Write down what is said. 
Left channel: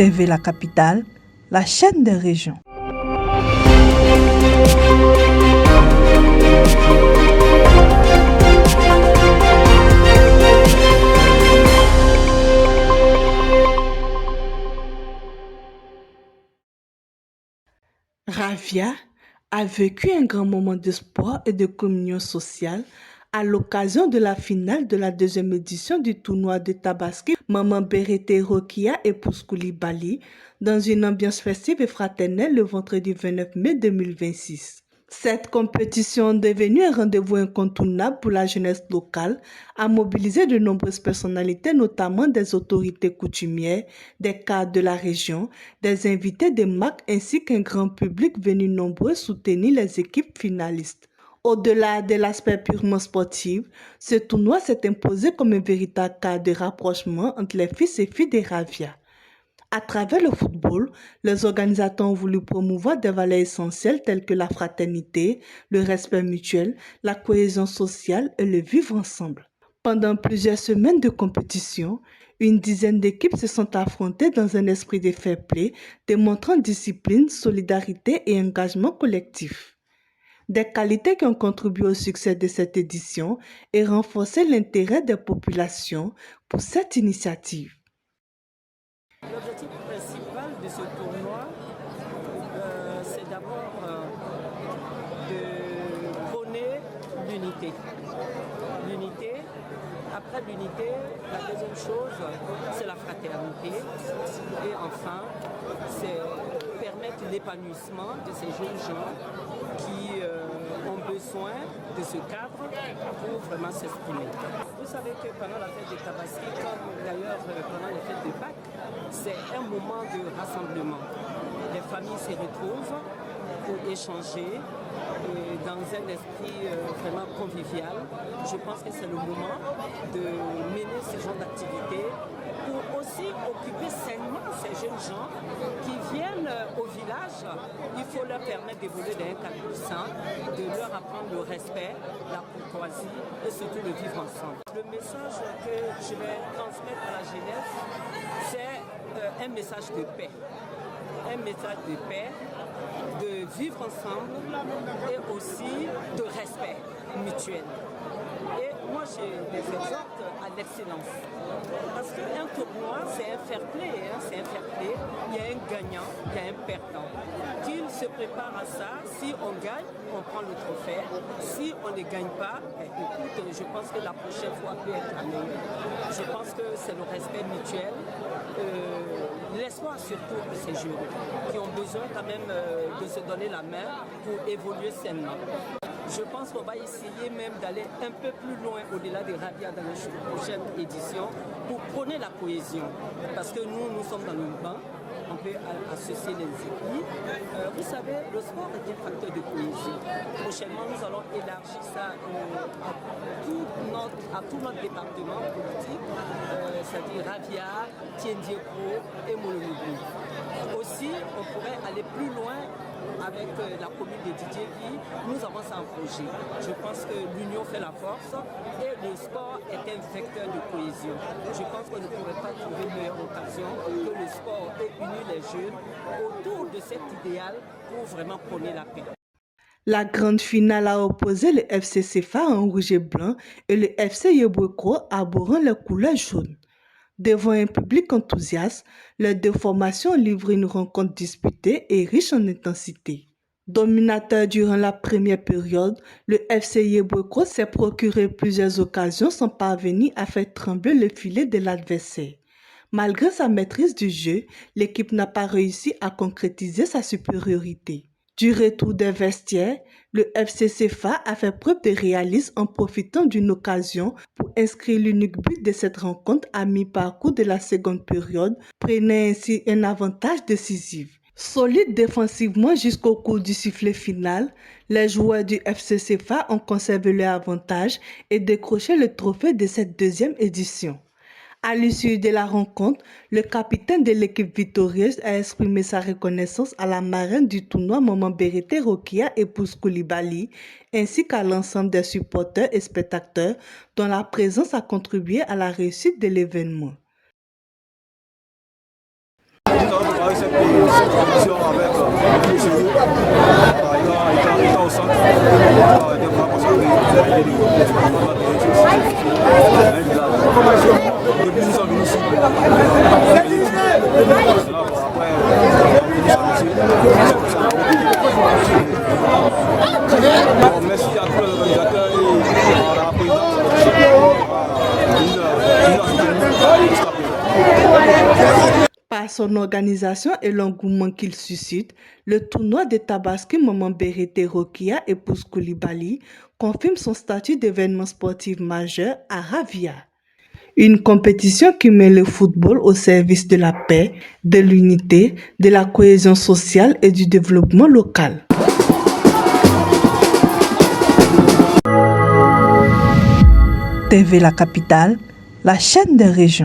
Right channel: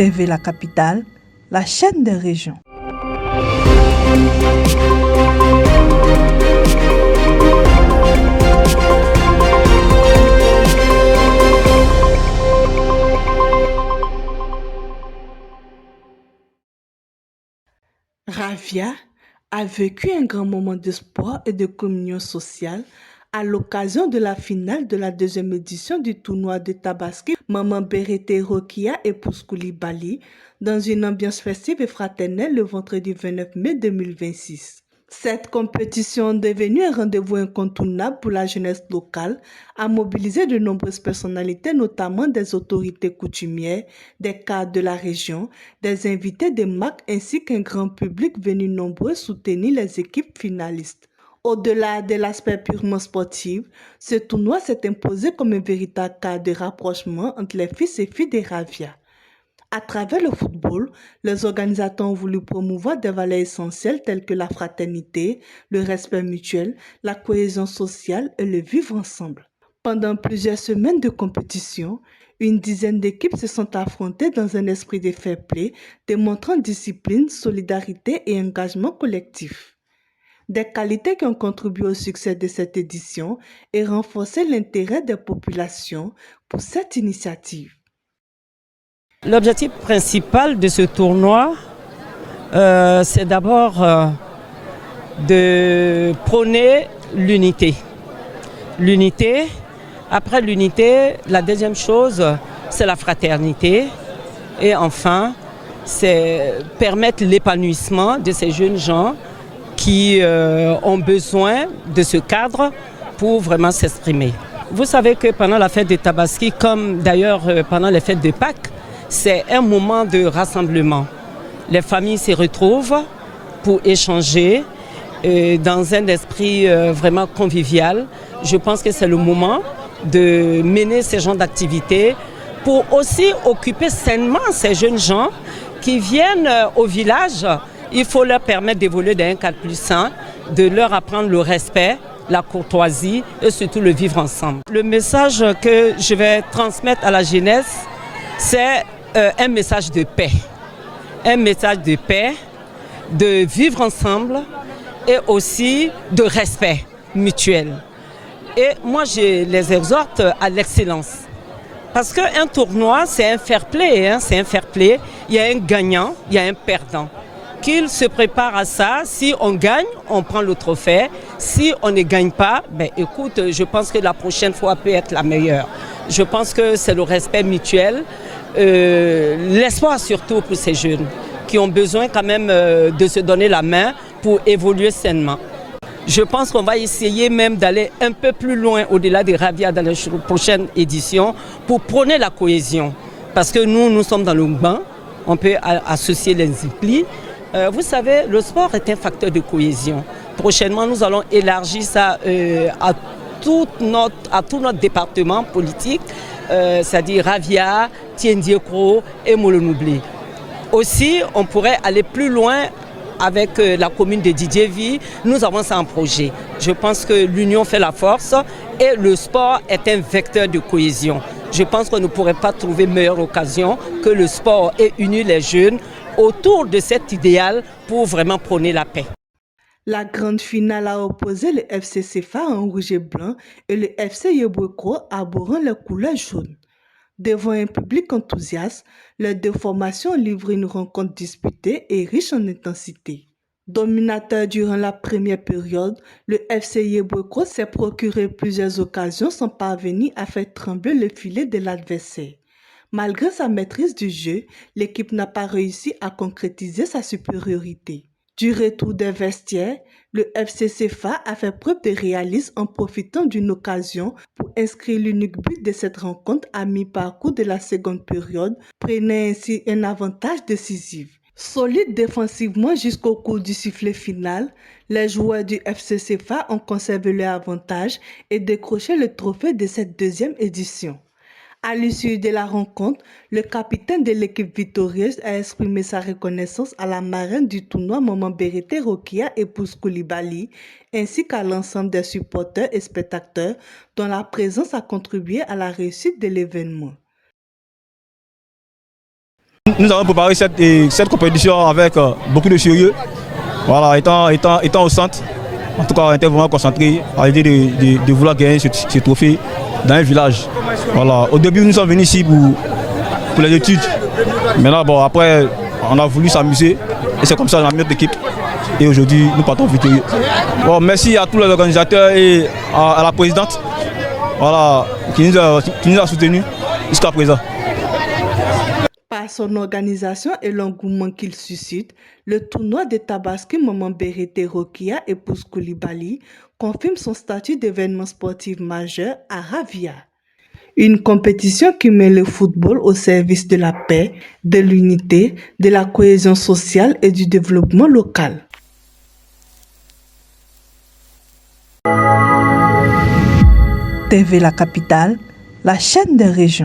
TV La Capitale, la chaîne des régions. Ravia a vécu un grand moment d'espoir et de communion sociale à l'occasion de la finale de la deuxième édition du tournoi de Tabaski Maman Berete Rokia et Koulibaly dans une ambiance festive et fraternelle le vendredi 29 mai 2026. Cette compétition, devenue un rendez-vous incontournable pour la jeunesse locale, a mobilisé de nombreuses personnalités, notamment des autorités coutumières, des cadres de la région, des invités des marques ainsi qu'un grand public venu nombreux soutenir les équipes finalistes. Au-delà de l'aspect purement sportif, ce tournoi s'est imposé comme un véritable cadre de rapprochement entre les fils et filles des Ravia. À travers le football, les organisateurs ont voulu promouvoir des valeurs essentielles telles que la fraternité, le respect mutuel, la cohésion sociale et le vivre ensemble. Pendant plusieurs semaines de compétition, une dizaine d'équipes se sont affrontées dans un esprit de fair play, démontrant discipline, solidarité et engagement collectif. Des qualités qui ont contribué au succès de cette édition et renforcé l'intérêt des populations pour cette initiative. L'objectif principal de ce tournoi, c'est d'abord de prôner l'unité. L'unité, après l'unité, la deuxième chose, c'est la fraternité. Et enfin, c'est permettre l'épanouissement de ces jeunes gens qui ont besoin de ce cadre pour vraiment s'exprimer. Vous savez que pendant la fête de Tabaski, comme d'ailleurs pendant les fêtes de Pâques, c'est un moment de rassemblement. Les familles se retrouvent pour échanger dans un esprit vraiment convivial. Je pense que c'est le moment de mener ce genre d'activités pour aussi occuper sainement ces jeunes gens qui viennent au village. Il faut leur permettre d'évoluer dans un cadre plus sain, de leur apprendre le respect, la courtoisie et surtout le vivre ensemble. Le message que je vais transmettre à la jeunesse, c'est un message de paix. Un message de paix, de vivre ensemble et aussi de respect mutuel. Et moi, je les exhorte à l'excellence. Parce qu'un tournoi, c'est un fair play. C'est un fair play. Il y a un gagnant, il y a un perdant. Qu'ils se préparent à ça. Si on gagne, on prend le trophée. Si on ne gagne pas, écoute, je pense que la prochaine fois peut être la meilleure. Je pense que c'est le respect mutuel, l'espoir surtout pour ces jeunes qui ont besoin quand même de se donner la main pour évoluer sainement. Je pense qu'on va essayer même d'aller un peu plus loin au-delà des Ravia dans les prochaines éditions pour prôner la cohésion. Parce que nous sommes dans le bain, on peut associer les implis. Vous savez, le sport est un facteur de cohésion. Prochainement, nous allons élargir ça à tout notre département politique, c'est-à-dire Ravia, Tiendiekro et Molonoubli. Aussi, on pourrait aller plus loin avec la commune de Didiéville. Nous avons ça en projet. Je pense que l'union fait la force et le sport est un vecteur de cohésion. Je pense qu'on ne pourrait pas trouver meilleure occasion que le sport et unir les jeunes autour de cet idéal pour vraiment prôner la paix. La grande finale a opposé le FC CFA en rouge et blanc et le FC Yeboeko arborant les couleurs jaunes. Devant un public enthousiaste, les deux formations livrent une rencontre disputée et riche en intensité. Dominateur durant la première période, le FC Yeboeko s'est procuré plusieurs occasions sans parvenir à faire trembler le filet de l'adversaire. Malgré sa maîtrise du jeu, l'équipe n'a pas réussi à concrétiser sa supériorité. Du retour des vestiaires, le FC CFA a fait preuve de réalisme en profitant d'une occasion pour inscrire l'unique but de cette rencontre à mi-parcours de la seconde période, prenant ainsi un avantage décisif. Solide défensivement jusqu'au coup du sifflet final, les joueurs du FC CFA ont conservé leur avantage et décroché le trophée de cette deuxième édition. À l'issue de la rencontre, le capitaine de l'équipe victorieuse a exprimé sa reconnaissance à la marraine du tournoi Maman Berete Rokia et Koulibaly, ainsi qu'à l'ensemble des supporters et spectateurs dont la présence a contribué à la réussite de l'événement. Nous avons préparé cette compétition avec beaucoup de sérieux. Voilà, étant au centre, en tout cas, on était vraiment concentré à l'idée de vouloir gagner ce trophée dans un village. Voilà. Au début, nous sommes venus ici pour les études. Maintenant, bon, après, on a voulu s'amuser et c'est comme ça qu'on a mis notre équipe. Et aujourd'hui, nous partons victorieux. Bon, merci à tous les organisateurs et à la présidente, voilà, qui nous a soutenus jusqu'à présent. Par son organisation et l'engouement qu'il suscite, le tournoi de Tabaski Maman Berete Rokia épouse Koulibaly confirme son statut d'événement sportif majeur à Ravia. Une compétition qui met le football au service de la paix, de l'unité, de la cohésion sociale et du développement local. TV La Capitale, la chaîne des régions.